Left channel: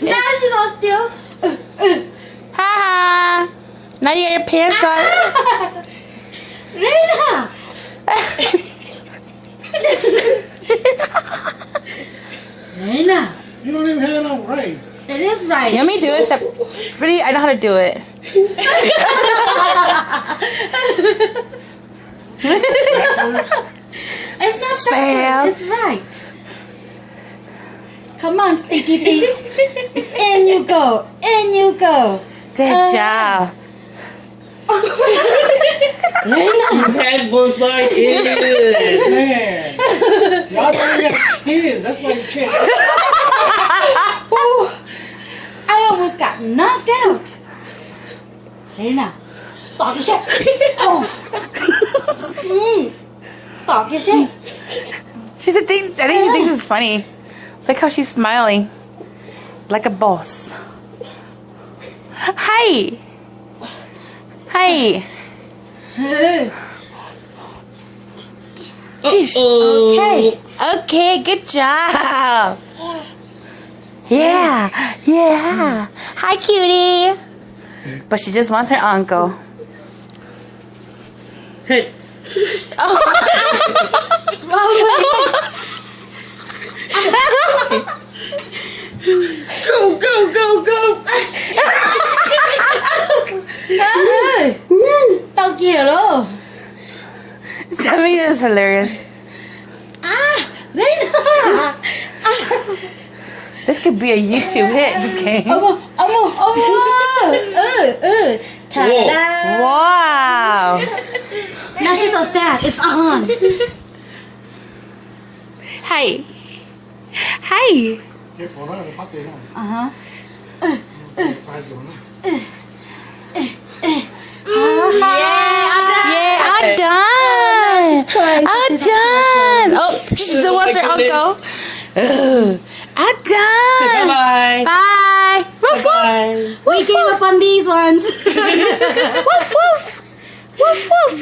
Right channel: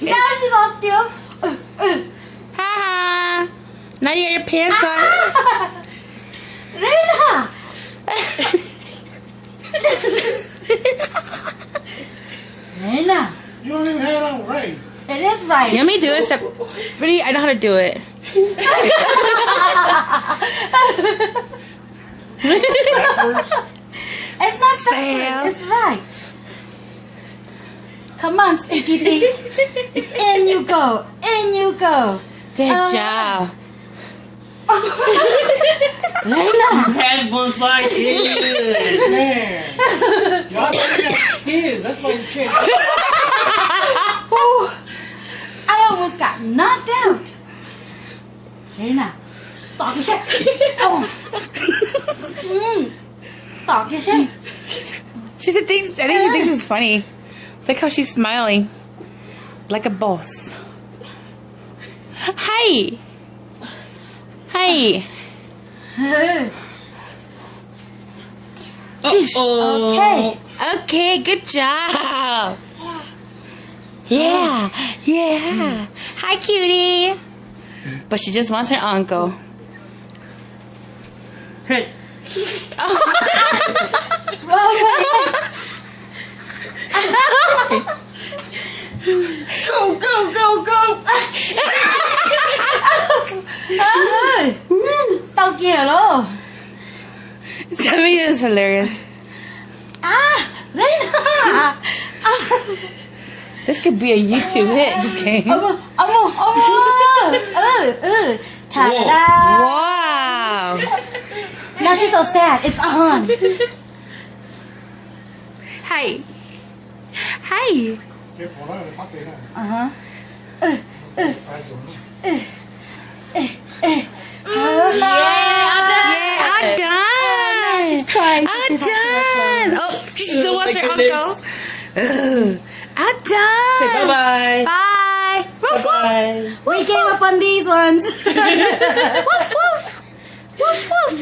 Now she's all still. Ha ha. Now you got your pants on. Reina. Reina. You don't even have it on right. It is right. Let me do it. Step. Pretty. I know how to do it. It's not Fail. backwards. It's right. Come on, stinky feet. In you go. In you go. Good job. Pat was like, yeah. Man. Y'all don't have kids. That's why you can't. Ooh, I almost got knocked out. Reina. Talk your shit. Oh. Talk your shit. I think she thinks it's funny. Look how she's smiling. Like a boss. Hi. Hi. Okay. Okay, good job. Yeah. Yeah. Hi, cutie. But she just wants her uncle. Hey. Go, go, go, go. Tao kia lo. Tell me this is hilarious. Reina. This could be a YouTube hit. Just kidding. Ta-da. Wow. Now she's so sad. It's on. Hi. Hi. Careful, no, the pocket now. Uh-huh. I'm done. She's crying. I'm done. Oh, she still wants her uncle. I'm done. Say bye-bye. Bye. Woof, Bye-bye. We gave up on these ones. woof. Woof, woof. Woof, woof.